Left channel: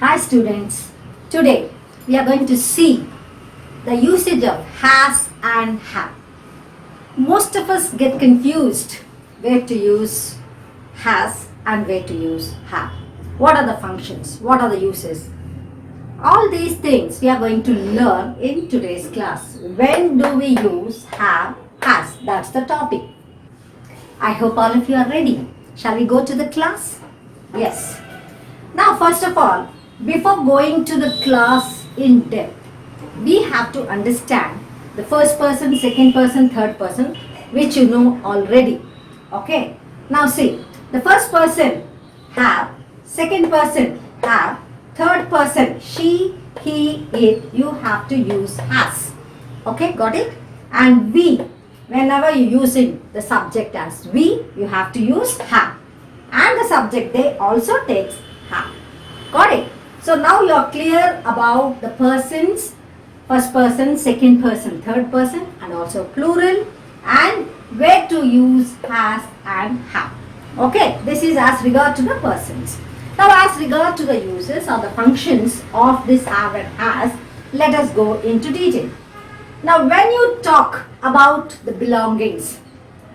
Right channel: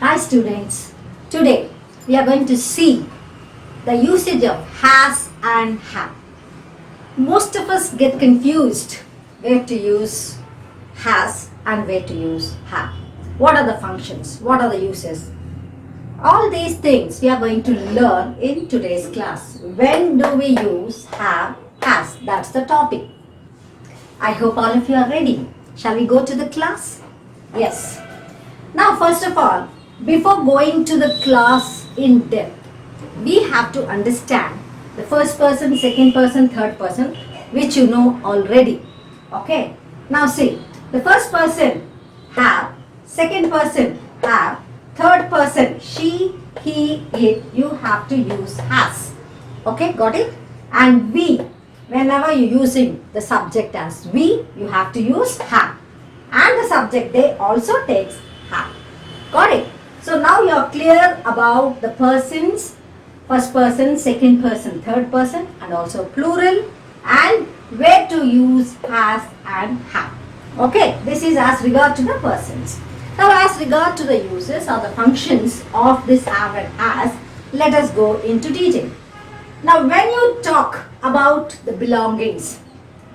Hi students, today we are going to see the usage of has and have. Most of us get confused where to use has and where to use have. What are the functions? What are the uses? All these things we are going to learn in today's class. When do we use have, has? That's the topic. I hope all of you are ready. Shall we go to the class? Yes. Now first of all, before going to the class in depth, we have to understand the first person, second person, third person, which you know already. Okay. Now see, the first person have, second person have, third person she, he, it, you have to use has. Okay, got it? And we, whenever you're using the subject as we, you have to use have. And the subject they also takes have. Got it? So now you are clear about the persons, first person, second person, third person, and also plural, and where to use has and have. Okay, this is as regard to the persons. Now as regard to the uses or the functions of this have and has, let us go into detail. Now when you talk about the belongings,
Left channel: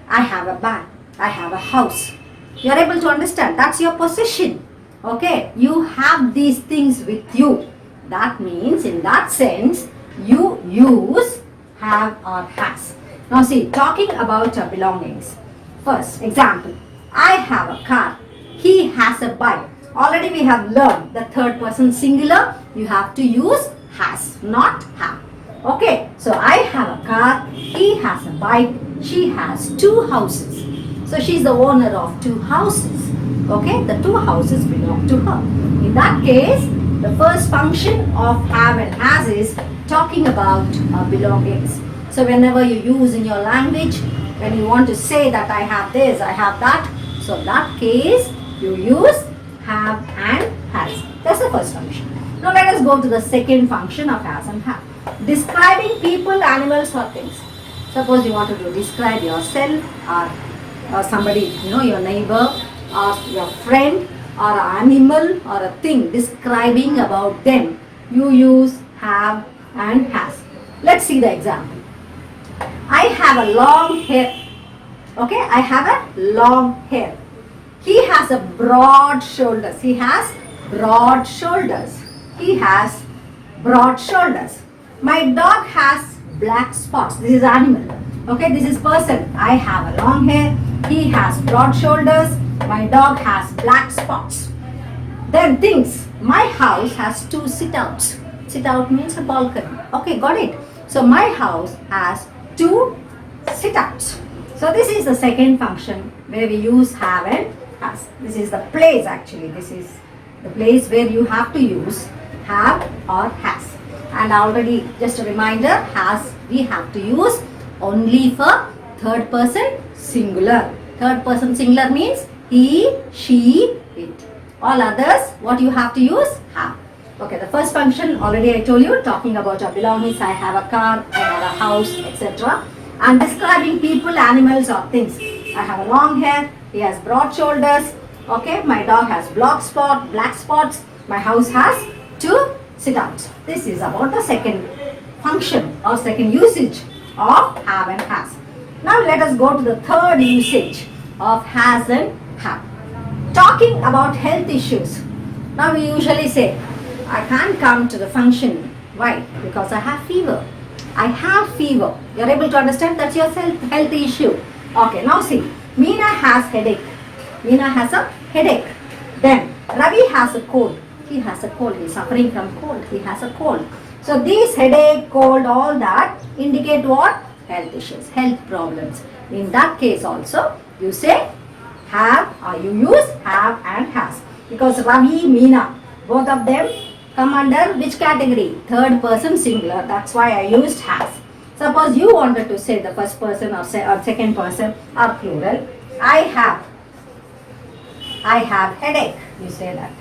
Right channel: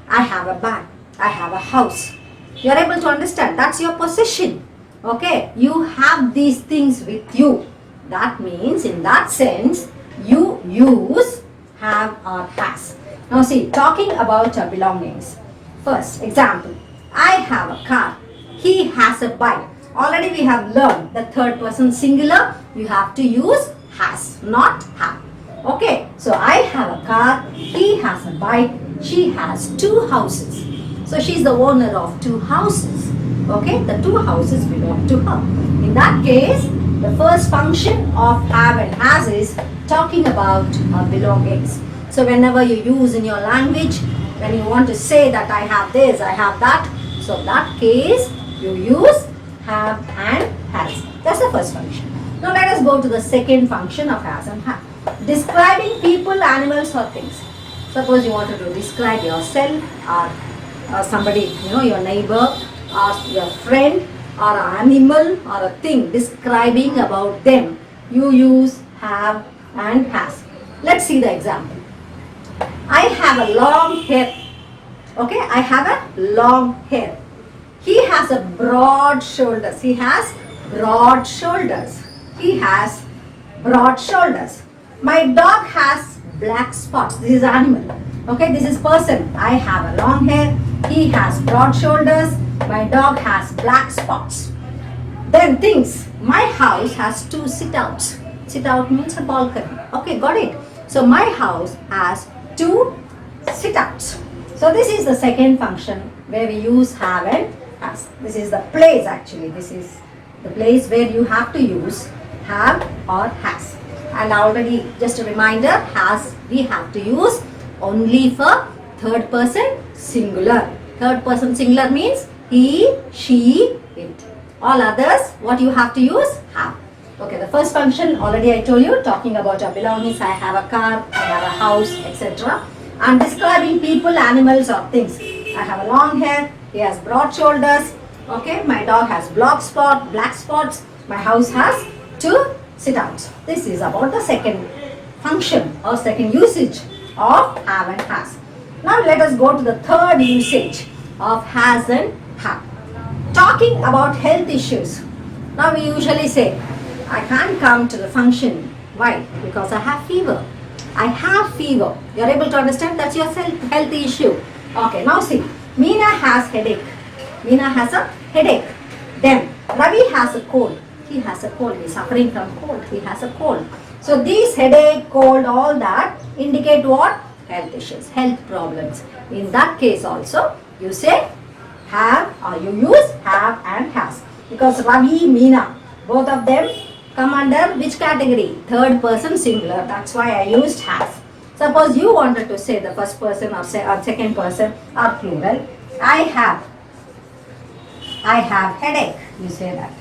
I have a bag, I have a house, you are able to understand that's your possession. Okay, you have these things with you. That means in that sense, you use have or has. Now see, talking about your belongings. First example, I have a car, he has a bike. Already we have learned the third person singular, you have to use has, not have. Okay, so I have a car, he has a bike, she has two houses. So she is the owner of two houses. Okay, the two houses belong to her. In that case, the first function of have and has is talking about belongings. So whenever you use in your language, when you want to say that I have this, I have that, so in that case, you use have and has. That's the first function. Now let us go to the second function of has and have. Describing people, animals or things. Suppose you wanted to describe yourself or somebody, your neighbor, or your friend, or an animal, or a thing, describing about them, you use have and has. Let's see the example. I have a long hair. Okay, I have a long hair. He has a broad shoulders. He has broad shoulders. He has broad shoulders. My dog has black spots. This is animal. Okay, this is person. I have a long hair. He has broad shoulders. My dog has black spots. Then things. My house has two sit-outs. Sit-out means a balcony. Okay, got it. So my house has two sit-outs. So this is the second function where we use have and has. This is the place actually. This is the place where you have to use have or has. And already just a reminder, has we have to use only for third person singular. Third person singular means he, she, it. All others, what you have to use? Have. Okay, the first function already I told you, talking about your belongings. I have a car, I have a house, etc. And describing people, animals or things. I have a long hair, he has broad shoulders. Okay, my dog has black spots. My house has two sit-outs. This is about the second function or second usage of have and has. Now let us go to the third usage of has and have. Talking about health issues. Now we usually say, I can't come to the function. Why? Because I have fever. I have fever. You're able to understand that's your health issue. Okay, now see, Meena has headache. Meena has a headache. Then Ravi has a cold. He has a cold. He's suffering from cold. He has a cold. So these headache, cold, all that indicate what? Health issues, health problems. In that case also, you say have or you use have and has. Because Ravi, Meena, both of them come under which category? Third person singular. That's why I used has. Suppose you wanted to say the first person or second person or plural. I have headache. You say that.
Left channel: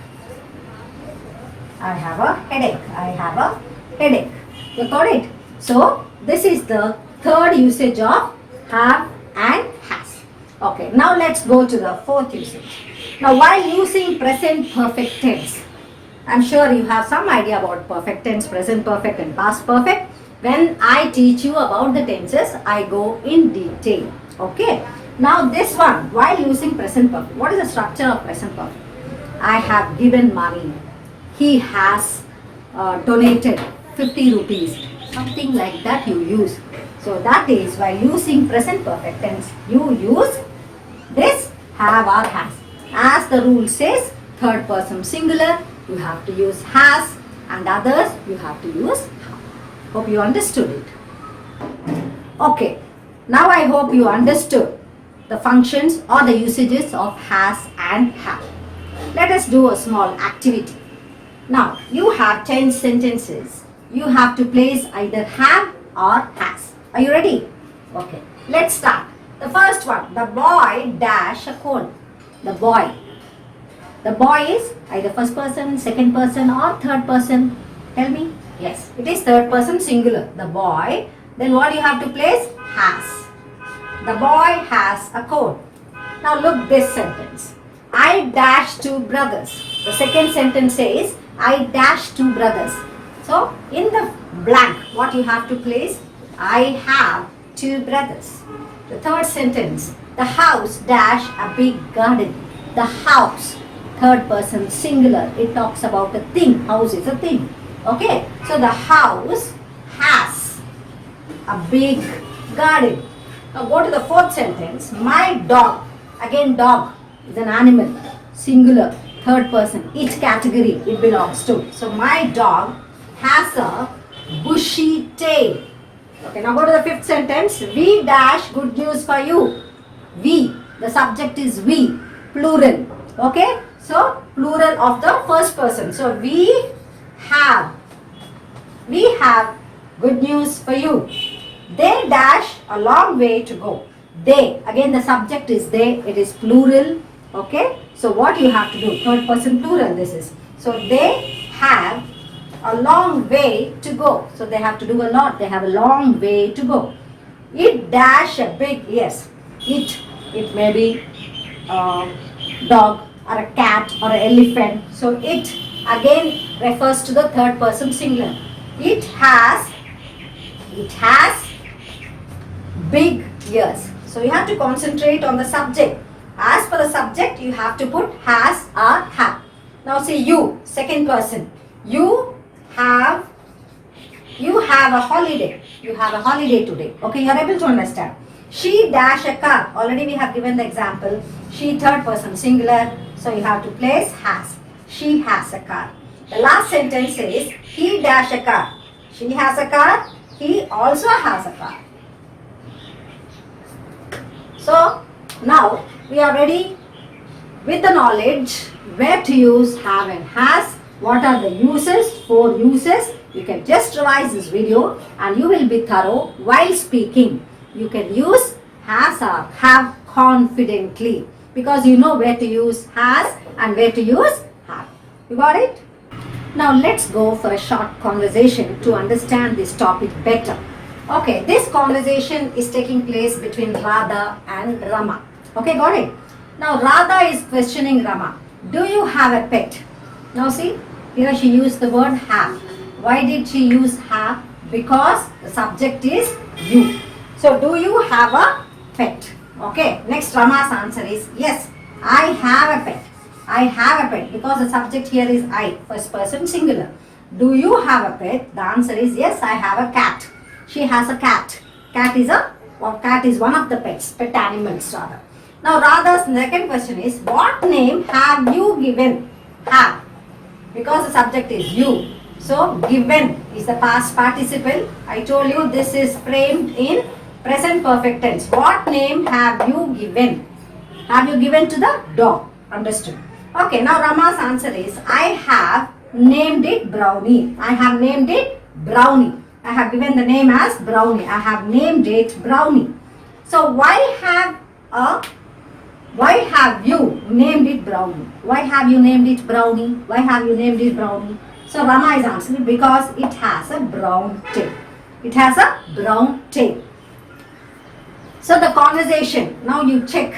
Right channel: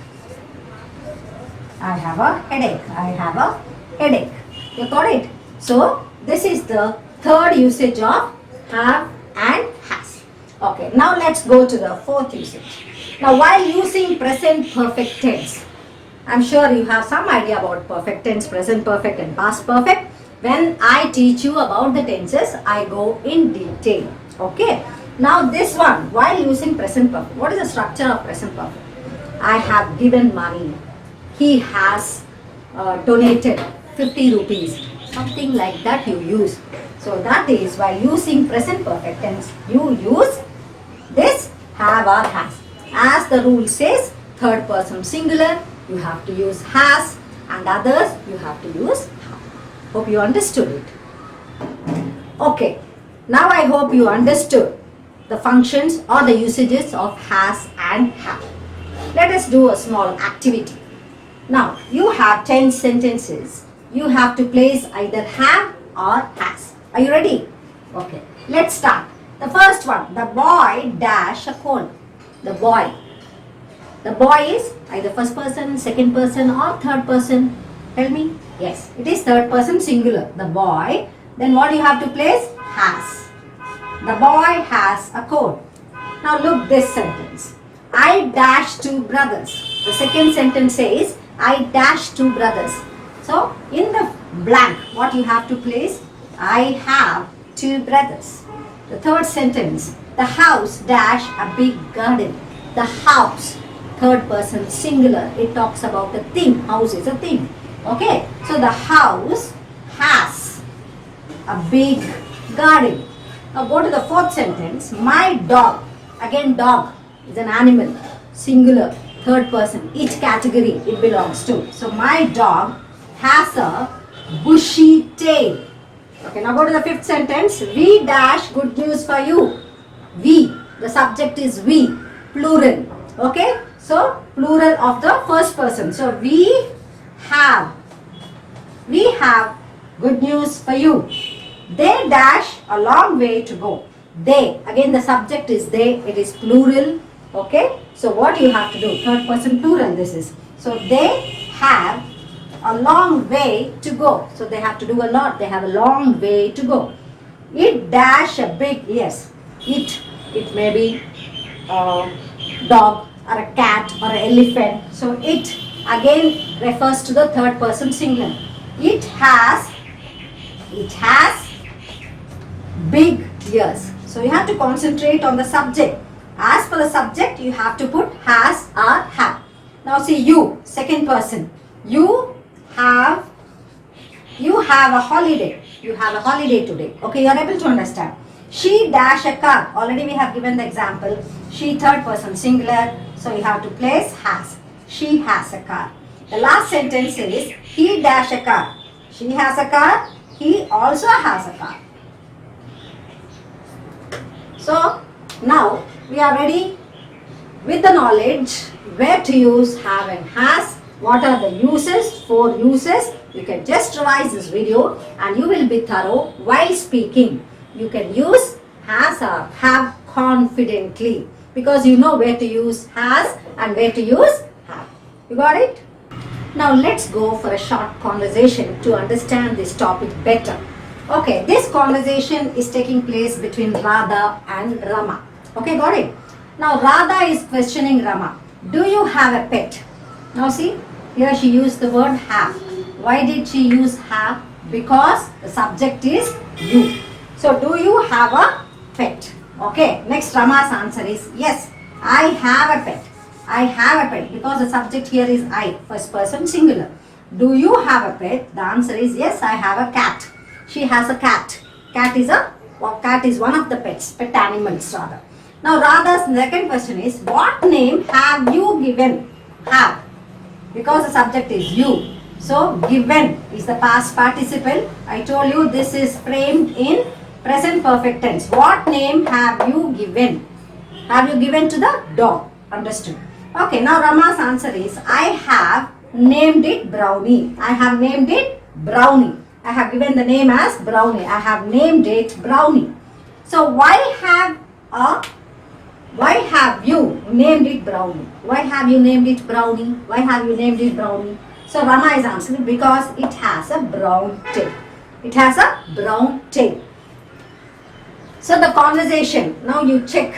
I have a headache. I have a headache. You got it? So this is the third usage of have and has. Okay, now let's go to the fourth usage. Now while using present perfect tense, I'm sure you have some idea about perfect tense, present perfect and past perfect. When I teach you about the tenses, I go in detail. Okay. Now this one, while using present perfect, what is the structure of present perfect? I have given money. He has donated 50 rupees. Something like that you use. So that is, while using present perfect tense, you use this have or has. As the rule says, third person singular, you have to use has, and others you have to use have. Hope you understood it. Okay, now I hope you understood the functions or the usages of has and have. Let us do a small activity. Now, you have 10 sentences. You have to place either have or has. Are you ready? Okay, let's start. The first one, the boy dash a cone. The boy. The boy is either first person, second person or third person. Tell me. Yes, it is third person singular. The boy. Then what you have to place? Has. The boy has a coat. Now look this sentence. I dash two brothers. The second sentence says, I dash two brothers. So in the blank, what you have to place? I have two brothers. The third sentence, the house dash a big garden. The house, third person singular. It talks about a thing. House is a thing. Okay. So the house has a big garden. Now go to the fourth sentence. My dog. Again dog is an animal. Singular. Third person. Each category it belongs to. So my dog has a bushy tail. Okay, now go to the fifth sentence. We dash good news for you. We. The subject is we. Plural. Okay. So plural of the first person. So we have good news for you. They dash a long way to go. They. Again the subject is they. It is plural. Okay. So what you have to do? Third person plural this is. So they have a long way to go. So they have to do a lot. They have a long way to go. It dash a big, yes. It may be a dog or a cat or an elephant. So it again refers to the third person singular. It has big ears. So you have to concentrate on the subject. As for the subject, you have to put has or have. Now see you, second person. You have a holiday. You have a holiday today. Okay, you are able to understand. She dash a car. Already we have given the example. She third person singular. So you have to place has. She has a car. The last sentence is he dash a car. She has a car. He also has a car. So now we are ready with the knowledge where to use have and has. What are the uses? 4 uses. You can just revise this video and you will be thorough while speaking. You can use has or have confidently because you know where to use has and where to use have. You got it? Now let's go for a short conversation to understand this topic better. Okay, this conversation is taking place between Radha and Rama. Okay, got it? Now Radha is questioning Rama. Do you have a pet? Now see, here she used the word have. Why did she use have? Because the subject is you. So do you have a pet? Okay, next Rama's answer is yes, I have a pet. I have a pet because the subject here is I, first person singular. Do you have a pet? The answer is yes, I have a cat. She has a cat. Cat is one of the pets, pet animals rather. Now Radha's second question is what name have you given? Have. Because the subject is you. So given is the past participle. I told you this is framed in present perfect tense. What name have you given? Have you given to the dog? Understood. Okay, now Rama's answer is I have named it Brownie. I have named it Brownie. I have given the name as Brownie. I have named it Brownie. So why have you named it Brownie? Why have you named it Brownie? Why have you named it Brownie? So Rama is answering because it has a brown tail. It has a brown tail. So the conversation, now you check.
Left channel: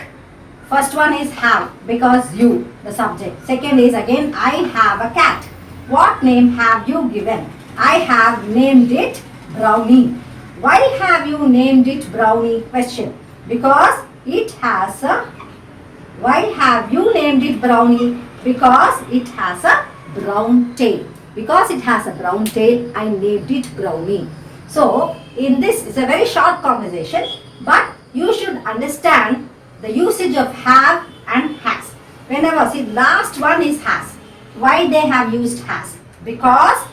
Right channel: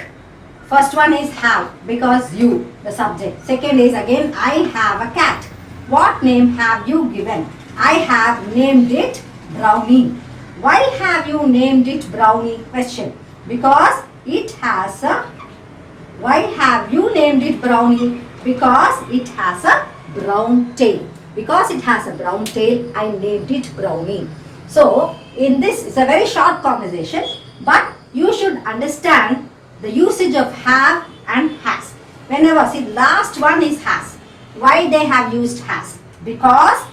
First one is have because you, the subject. Second is again I have a cat. What name have you given? I have named it Brownie. Why have you named it Brownie? Question. Because it has a. Why have you named it Brownie? Because it has a brown tail. Because it has a brown tail, I named it Brownie. So, in this, it's a very short conversation, but you should understand the usage of have and has. Whenever, see, last one is has. Why they have used has? Because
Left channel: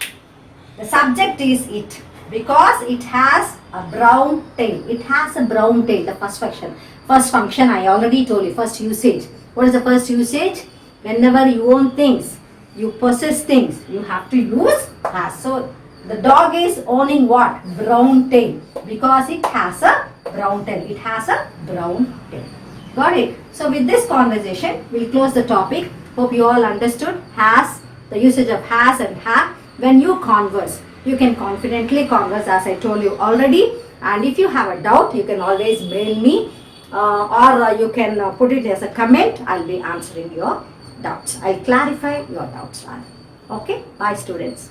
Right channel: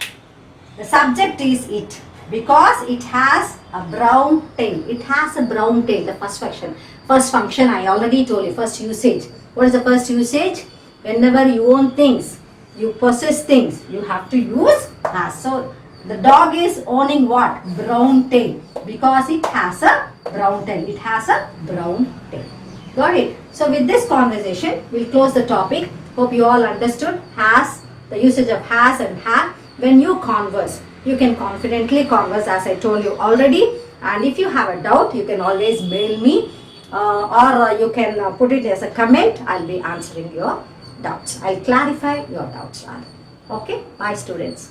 the subject is it. Because it has a brown tail. It has a brown tail, the first function. First function I already told you, first usage. What is the first usage? Whenever you own things, you possess things, you have to use has. So, the dog is owning what? Brown tail. Because it has a brown tail. It has a brown tail. Got it? So, with this conversation, we'll close the topic. Hope you all understood has, the usage of has and have. When you converse, you can confidently converse as I told you already. And if you have a doubt, you can always mail me or you can put it as a comment. I'll be answering your doubts. I'll clarify your doubts rather. Okay? Bye students.